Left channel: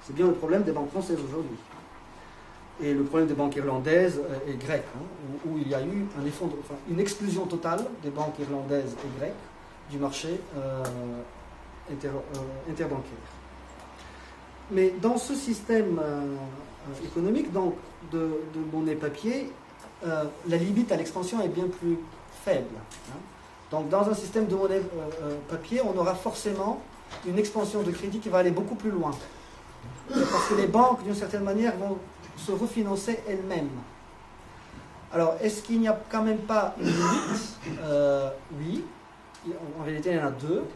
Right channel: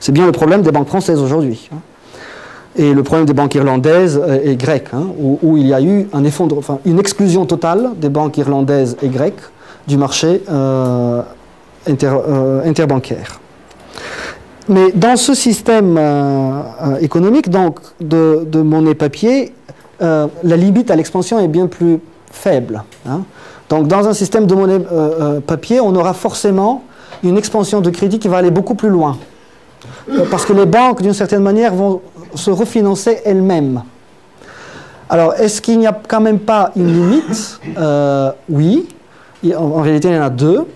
C'est bien le problème des banques françaises aujourd'hui. Et le problème des banques irlandaises et grecques, où il y a eu une exclusion totale des banques irlandaises et grecques du marché interbancaire. Mais dans ce système économique donc, de monnaie papier, la limite à l'expansion est bien plus faible. Donc dans un système de monnaie papier, on aura forcément une expansion de crédit qui va aller beaucoup plus loin. Parce que les banques, d'une certaine manière, vont se refinancer elles-mêmes. Alors, est-ce qu'il n'y a quand même pas une limite? Oui. En réalité, il y en a deux.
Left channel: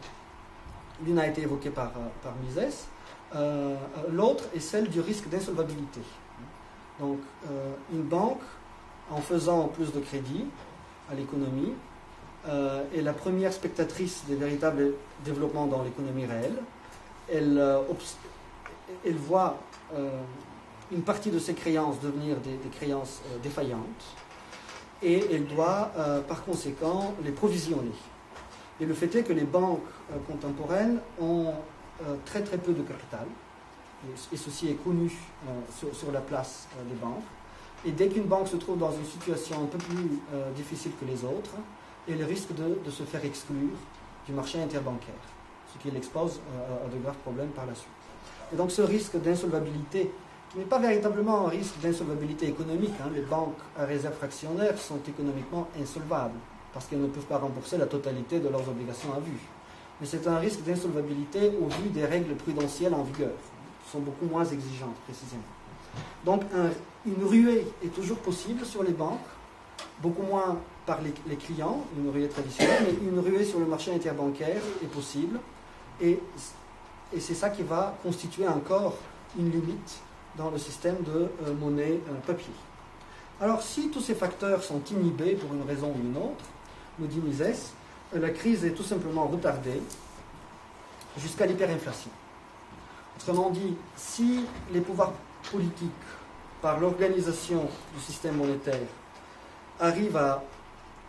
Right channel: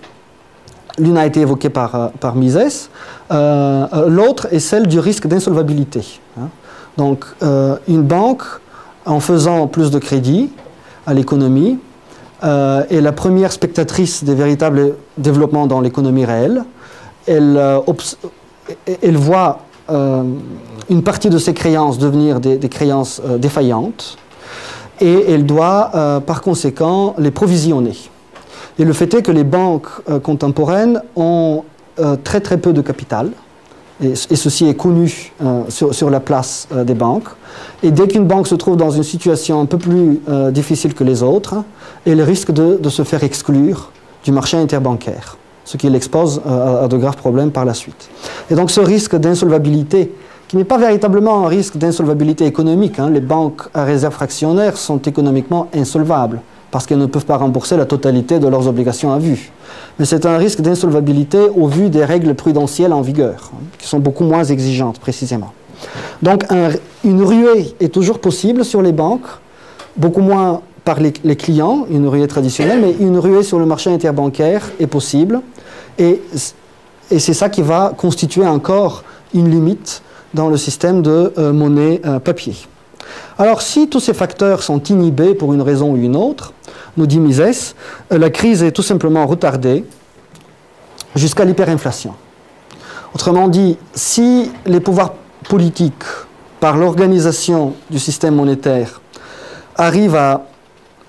L'une a été évoquée par Mises. L'autre est celle du risque d'insolvabilité. Donc, une banque, en faisant plus de crédit à l'économie, est la première spectatrice des véritables développements dans l'économie réelle. Elle voit une partie de ses créances devenir des créances défaillantes et elle doit par conséquent les provisionner. Et le fait est que les banques contemporaines ont très très peu de capital et ceci est connu sur la place des banques. Et dès qu'une banque se trouve dans une situation un peu plus difficile que les autres, elle risque de se faire exclure du marché interbancaire, ce qui l'expose à de graves problèmes par la suite. Et donc ce risque d'insolvabilité, qui n'est pas véritablement un risque d'insolvabilité économique, les banques à réserve fractionnaire sont économiquement insolvables, parce qu'elles ne peuvent pas rembourser la totalité de leurs obligations à vue. Mais c'est un risque d'insolvabilité au vu des règles prudentielles en vigueur, qui sont beaucoup moins exigeantes précisément. Donc une ruée est toujours possible sur les banques, beaucoup moins par les clients, une ruée traditionnelle, mais une ruée sur le marché interbancaire est possible. Et c'est ça qui va constituer encore une limite dans le système de monnaie papier. Alors, si tous ces facteurs sont inhibés pour une raison ou une autre, nous dit Mises, la crise est tout simplement retardée jusqu'à l'hyperinflation. Autrement dit, si les pouvoirs politiques, par l'organisation du système monétaire, arrivent à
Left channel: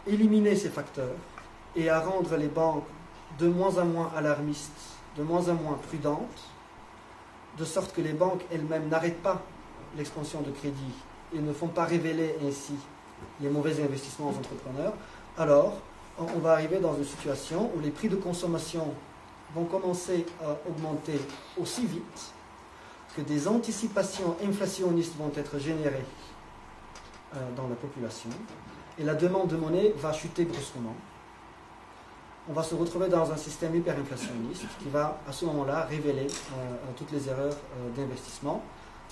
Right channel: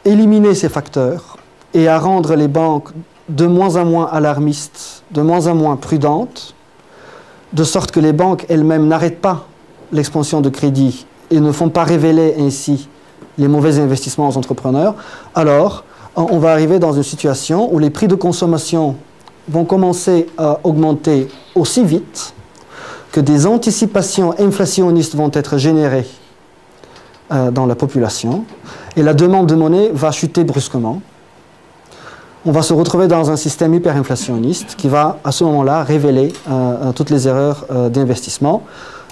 éliminer ces facteurs et à rendre les banques de moins en moins alarmistes, de moins en moins prudentes, de sorte que les banques elles-mêmes n'arrêtent pas l'expansion de crédit et ne font pas révéler ainsi les mauvais investissements aux entrepreneurs, alors on va arriver dans une situation où les prix de consommation vont commencer à augmenter aussi vite que des anticipations inflationnistes vont être générées dans la population et la demande de monnaie va chuter brusquement. On va se retrouver dans un système hyperinflationniste qui va à ce moment-là révéler toutes les erreurs d'investissement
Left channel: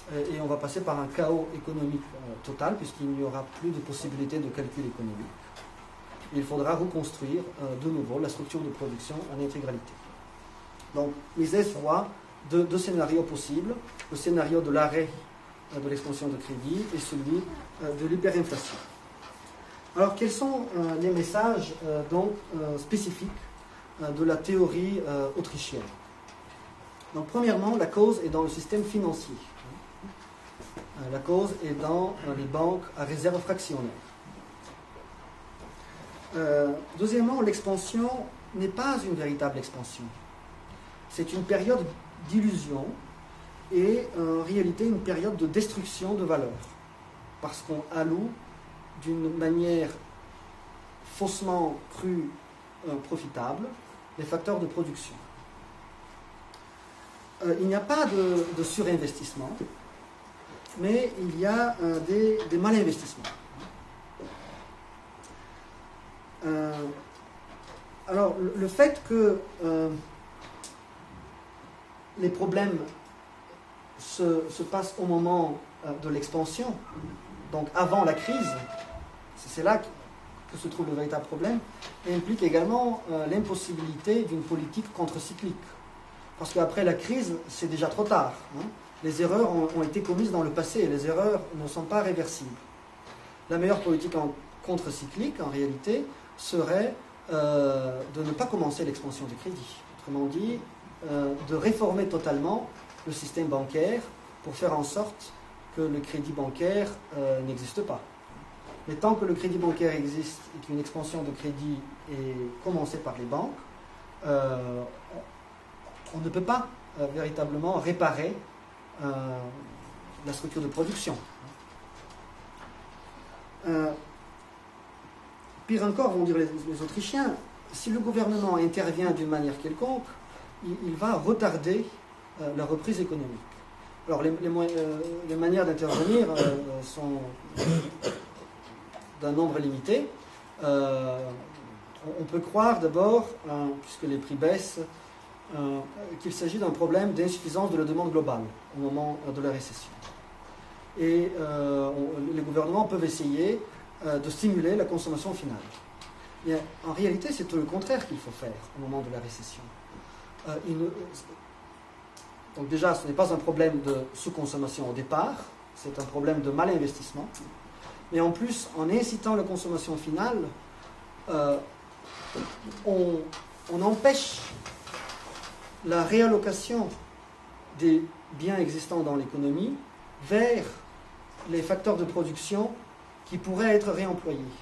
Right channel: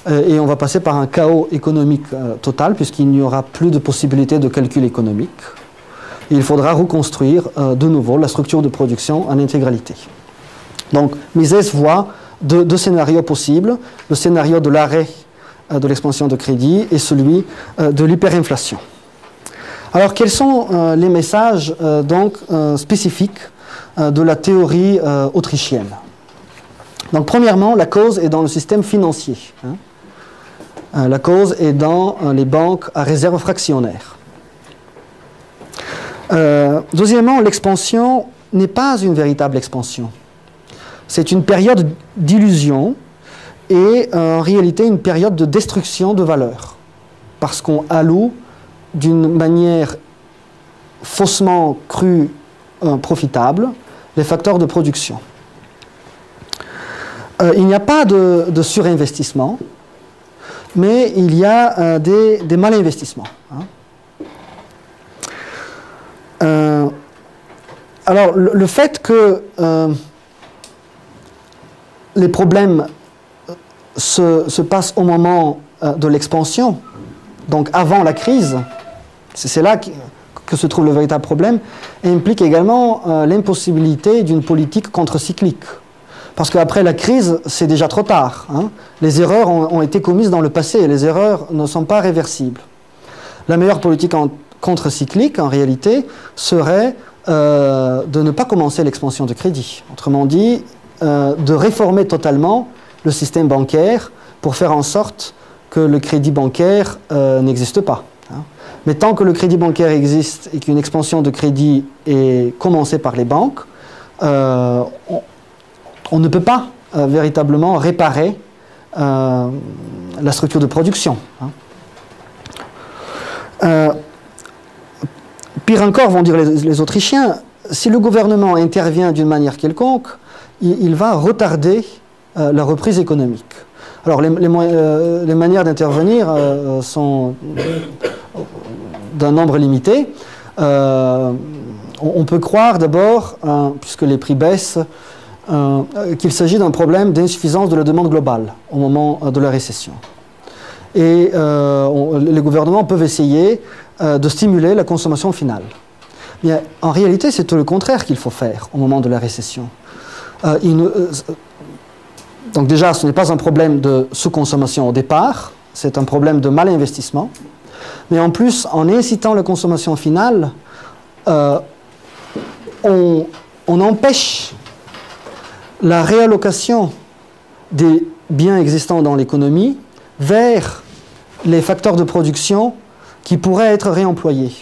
et on va passer par un chaos économique total puisqu'il n'y aura plus de possibilité de calcul économique. Et il faudra reconstruire de nouveau la structure de production en intégralité. Donc Mises voit deux scénarios possibles, le scénario de l'arrêt de l'expansion de crédit et celui de l'hyperinflation. Alors, quels sont les messages spécifiques de la théorie autrichienne? Donc, premièrement, la cause est dans le système financier. La cause est dans les banques à réserve fractionnaire. Deuxièmement, l'expansion n'est pas une véritable expansion. C'est une période d'illusion et en réalité une période de destruction de valeur. Parce qu'on alloue d'une manière faussement crue profitable les facteurs de production. Il n'y a pas de surinvestissement, mais il y a des malinvestissements. Alors, le fait que les problèmes se passent au moment de l'expansion, donc avant la crise, c'est là que se trouve le véritable problème, et implique également l'impossibilité d'une politique contre-cyclique. Parce qu'après la crise, c'est déjà trop tard. Les erreurs ont été commises dans le passé et les erreurs ne sont pas réversibles. La meilleure politique contre-cyclique, en réalité, serait de ne pas commencer l'expansion de crédit. Autrement dit, de réformer totalement le système bancaire pour faire en sorte que le crédit bancaire n'existe pas. Mais tant que le crédit bancaire existe et qu'une expansion de crédit est commencée par les banques, on ne peut pas véritablement réparer la structure de production. Pire encore, vont dire les Autrichiens, si le gouvernement intervient d'une manière quelconque, il va retarder la reprise économique. Alors les manières d'intervenir sont d'un nombre limité. On peut croire d'abord, puisque les prix baissent, qu'il s'agit d'un problème d'insuffisance de la demande globale au moment de la récession. Et les gouvernements peuvent essayer de stimuler la consommation finale. Mais en réalité, c'est tout le contraire qu'il faut faire au moment de la récession. Donc déjà, ce n'est pas un problème de sous-consommation au départ, c'est un problème de mal-investissement. Mais en plus, en incitant la consommation finale, on empêche la réallocation des biens existants dans l'économie vers les facteurs de production qui pourraient être réemployés.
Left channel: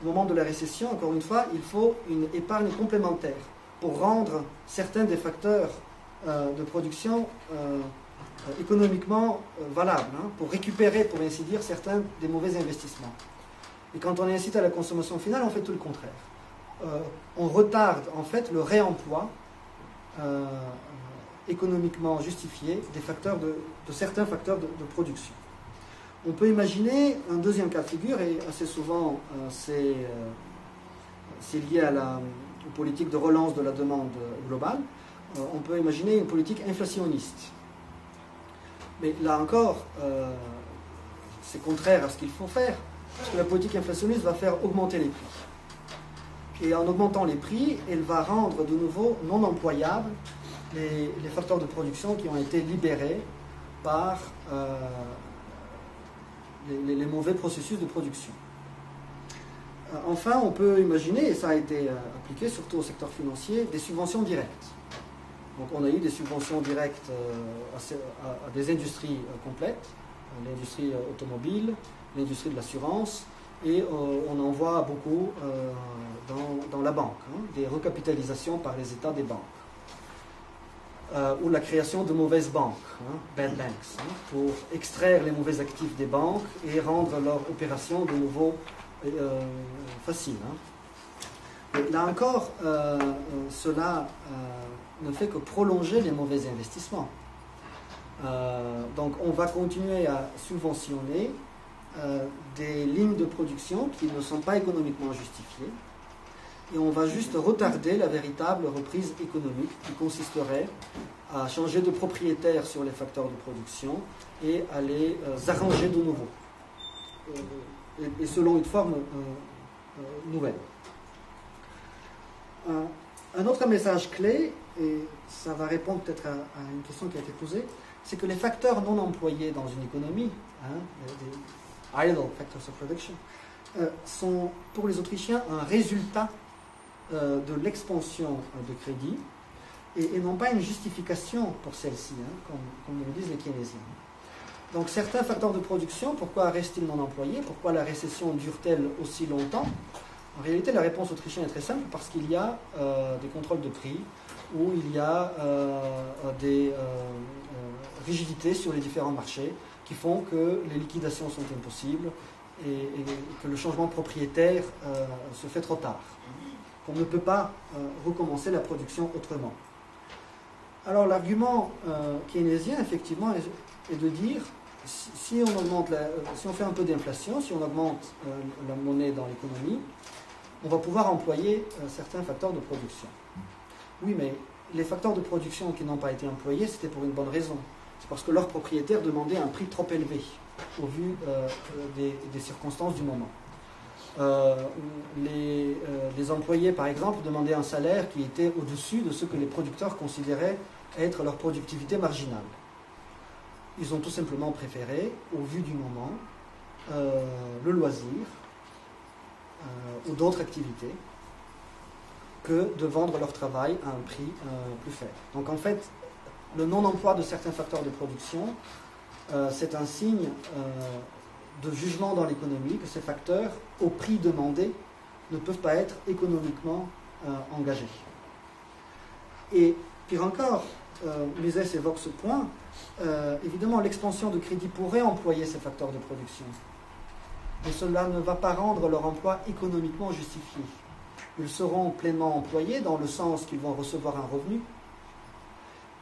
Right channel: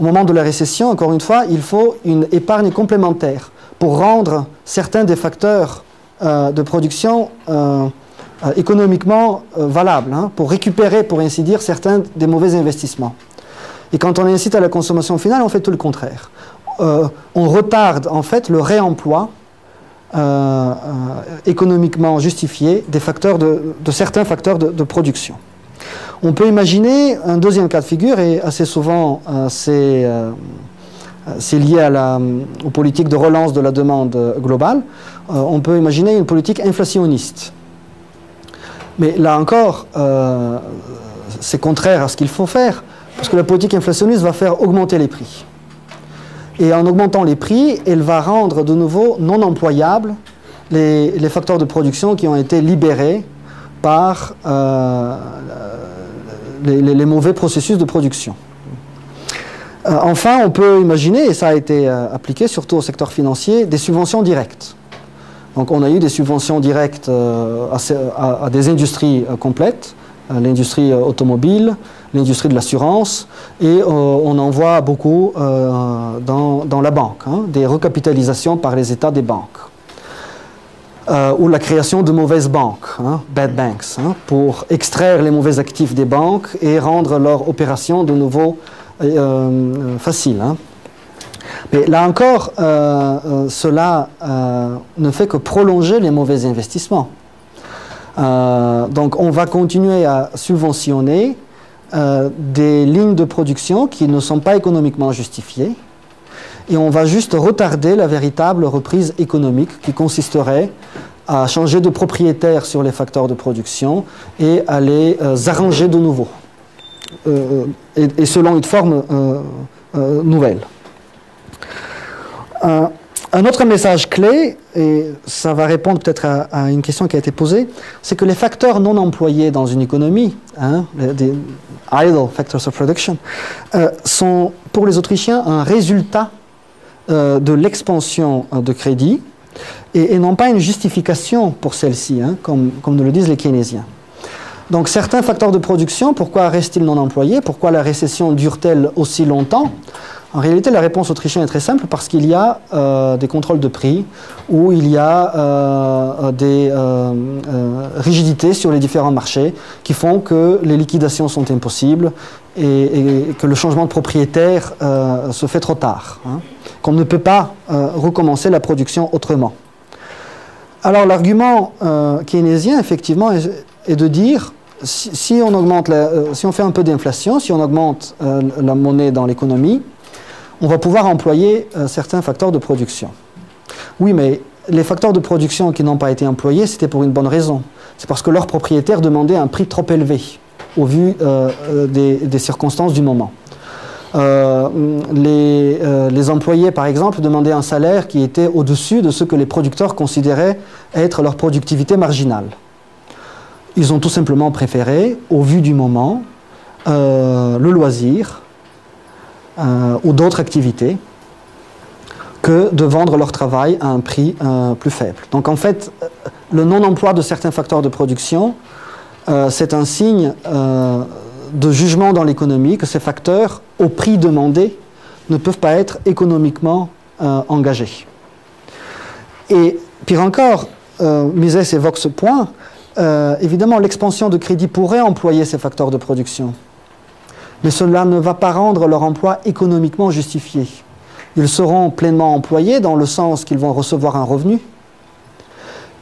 Au moment de la récession, encore une fois, il faut une épargne complémentaire pour rendre certains des facteurs de production économiquement valables, pour récupérer, pour ainsi dire, certains des mauvais investissements. Et quand on incite à la consommation finale, on fait tout le contraire. On retarde en fait le réemploi économiquement justifié des facteurs de certains facteurs de production. On peut imaginer un deuxième cas de figure, et assez souvent c'est lié aux politiques de relance de la demande globale. On peut imaginer une politique inflationniste. Mais là encore, c'est contraire à ce qu'il faut faire, parce que la politique inflationniste va faire augmenter les prix. Et en augmentant les prix, elle va rendre de nouveau non employables les facteurs de production qui ont été libérés par les mauvais processus de production. Enfin, on peut imaginer, et ça a été appliqué surtout au secteur financier, des subventions directes. Donc on a eu des subventions directes à des industries complètes, l'industrie automobile, l'industrie de l'assurance, et on en voit beaucoup dans la banque, des recapitalisations par les États des banques. Ou la création de mauvaises banques, bad banks, pour extraire les mauvais actifs des banques et rendre leur opération de nouveau facile. Mais là encore, cela ne fait que prolonger les mauvais investissements. Donc on va continuer à subventionner des lignes de production qui ne sont pas économiquement justifiées, et on va juste retarder la véritable reprise économique qui consisterait à changer de propriétaire sur les facteurs de production et à les arranger de nouveau, et selon une forme nouvelle. Un autre message clé, et ça va répondre peut-être à une question qui a été posée, c'est que les facteurs non employés dans une économie, des idle factors of production, sont pour les Autrichiens un résultat de l'expansion de crédit et non pas une justification pour celle-ci, comme nous le disent les keynésiens. Donc certains facteurs de production, pourquoi restent-ils non employés? Pourquoi la récession dure-t-elle aussi longtemps? En réalité, la réponse autrichienne est très simple, parce qu'il y a des contrôles de prix, ou il y a des rigidités sur les différents marchés qui font que les liquidations sont impossibles et que le changement de propriétaire se fait trop tard, qu'on ne peut pas recommencer la production autrement. Alors l'argument keynésien, effectivement, est de dire, si on fait un peu d'inflation, si on augmente la monnaie dans l'économie, on va pouvoir employer certains facteurs de production. Oui, mais les facteurs de production qui n'ont pas été employés, c'était pour une bonne raison. C'est parce que leurs propriétaires demandaient un prix trop élevé, au vu des circonstances du moment. Les employés, par exemple, demandaient un salaire qui était au-dessus de ce que les producteurs considéraient être leur productivité marginale. Ils ont tout simplement préféré, au vu du moment, le loisir, ou d'autres activités, que de vendre leur travail à un prix plus faible. Donc en fait, le non-emploi de certains facteurs de production, c'est un signe de jugement dans l'économie que ces facteurs, au prix demandé, ne peuvent pas être économiquement engagés. Et pire encore, Mises évoque ce point, évidemment, l'expansion de crédit pourrait employer ces facteurs de production. Mais cela ne va pas rendre leur emploi économiquement justifié. Ils seront pleinement employés dans le sens qu'ils vont recevoir un revenu.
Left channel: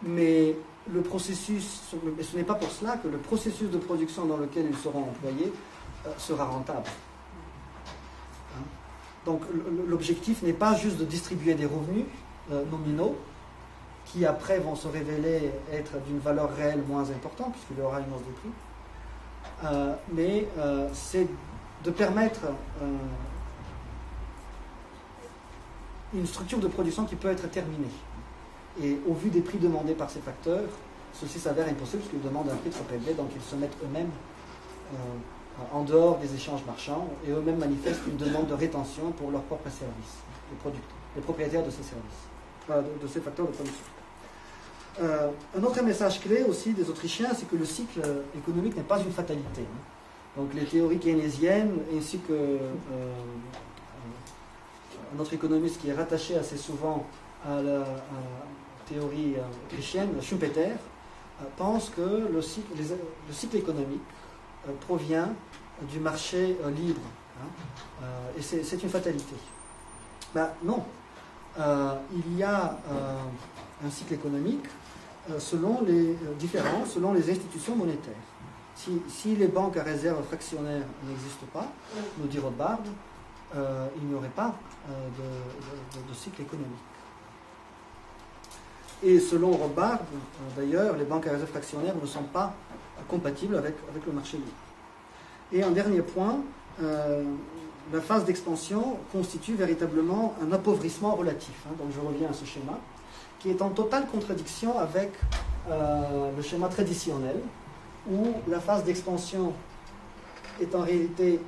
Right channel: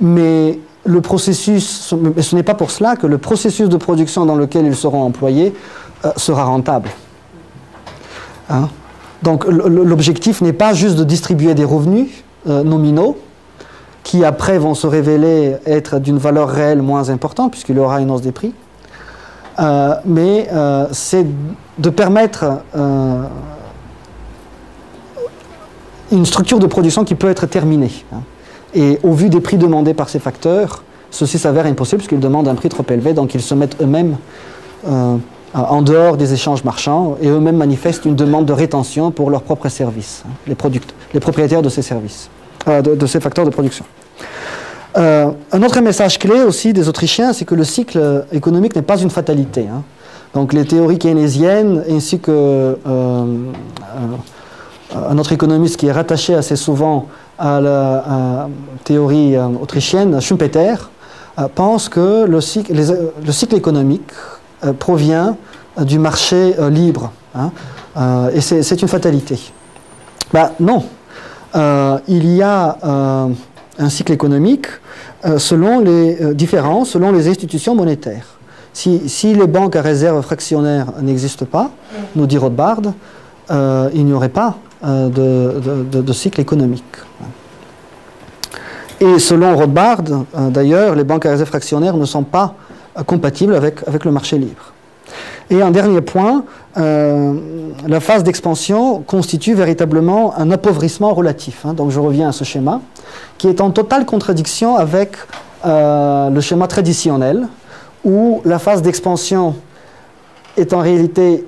Mais le processus, ce n'est pas pour cela que le processus de production dans lequel ils seront employés sera rentable. Hein? Donc l'objectif n'est pas juste de distribuer des revenus nominaux qui après vont se révéler être d'une valeur réelle moins importante puisqu'il y aura une hausse des prix, mais c'est de permettre une structure de production qui peut être terminée. Hein. Et au vu des prix demandés par ces facteurs, ceci s'avère impossible puisqu'ils demandent un prix trop élevé, donc ils se mettent eux-mêmes en dehors des échanges marchands et eux-mêmes manifestent une demande de rétention pour leurs propres services, hein, les propriétaires de ces services, de ces facteurs de production. Un autre message clé aussi des Autrichiens, c'est que le cycle économique n'est pas une fatalité. Hein. Donc les théories keynésiennes ainsi que un autre économiste qui est rattaché assez souvent à la théorie autrichienne, Schumpeter, pense que le cycle économique provient du marché libre. Hein, et c'est une fatalité. Ben, non. Il y a un cycle économique selon les différents, selon les institutions monétaires. Si les banques à réserve fractionnaire n'existent pas, nous dit Rothbard, il n'y aurait pas de cycle économique. Et selon Rothbard, d'ailleurs, les banques à réserve fractionnaire ne sont pas compatibles avec le marché libre. Et un dernier point, la phase d'expansion constitue véritablement un appauvrissement relatif. Hein, donc je reviens à ce schéma, qui est en totale contradiction avec le schéma traditionnel, où la phase d'expansion est en réalité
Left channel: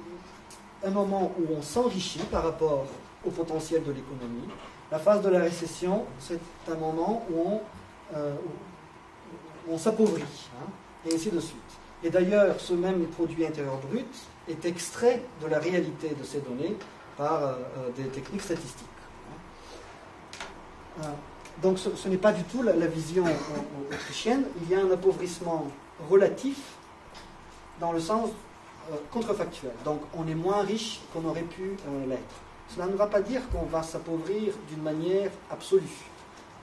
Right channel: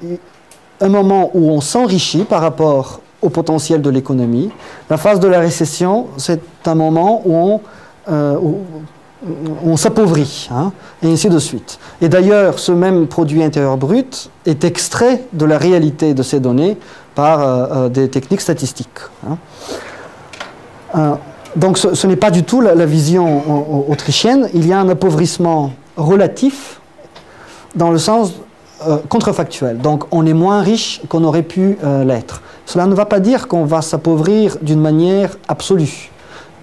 un moment où on s'enrichit par rapport au potentiel de l'économie. La phase de la récession, c'est un moment où on s'appauvrit, hein, et ainsi de suite. Et d'ailleurs, ce même produit intérieur brut est extrait de la réalité de ces données par des techniques statistiques. Hein. Donc ce n'est pas du tout la vision autrichienne. Il y a un appauvrissement relatif dans le sens contrefactuel. Donc on est moins riche qu'on aurait pu l'être. Cela ne va pas dire qu'on va s'appauvrir d'une manière absolue,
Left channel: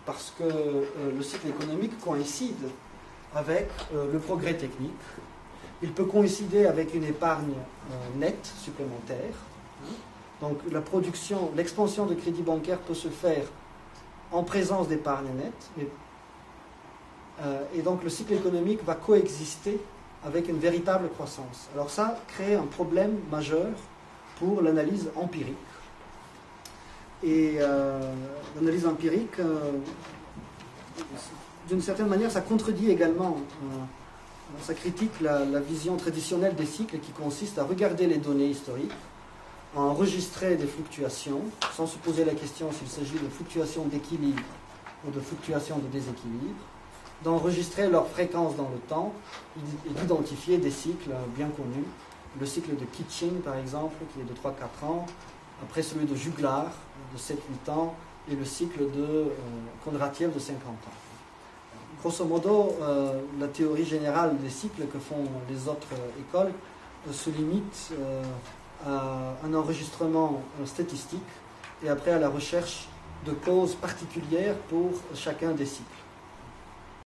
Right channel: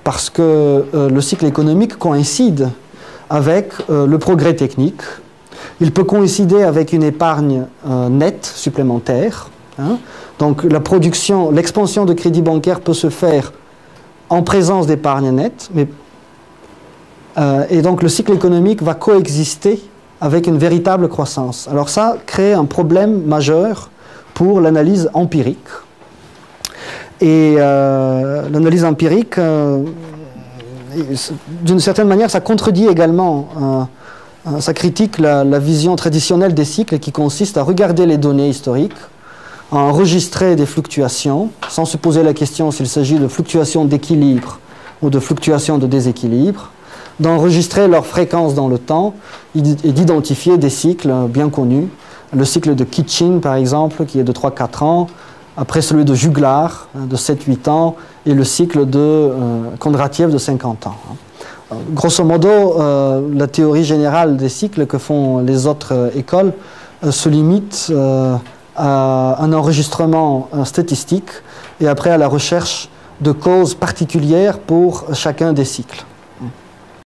parce que le cycle économique coïncide avec le progrès technique. Il peut coïncider avec une épargne nette supplémentaire. Hein. Donc la production, l'expansion de crédit bancaire peut se faire en présence d'épargne nette, et donc le cycle économique va coexister avec une véritable croissance. Alors ça crée un problème majeur pour l'analyse empirique. Et l'analyse empirique, d'une certaine manière, ça contredit également, ça critique la vision traditionnelle des cycles qui consiste à regarder les données historiques, à enregistrer des fluctuations, sans se poser la question s'il s'agit de fluctuations d'équilibre ou de fluctuations de déséquilibre, d'enregistrer leur fréquence dans le temps et d'identifier des cycles bien connus. Le cycle de Kitchin, par exemple, qui est de 3-4 ans, après celui de Juglar, de 7-8 ans, et le cycle de Kondratiev de 50 ans. Grosso modo, la théorie générale des cycles que font les autres écoles se limite à un enregistrement statistique et après à la recherche de causes particulières pour chacun des cycles.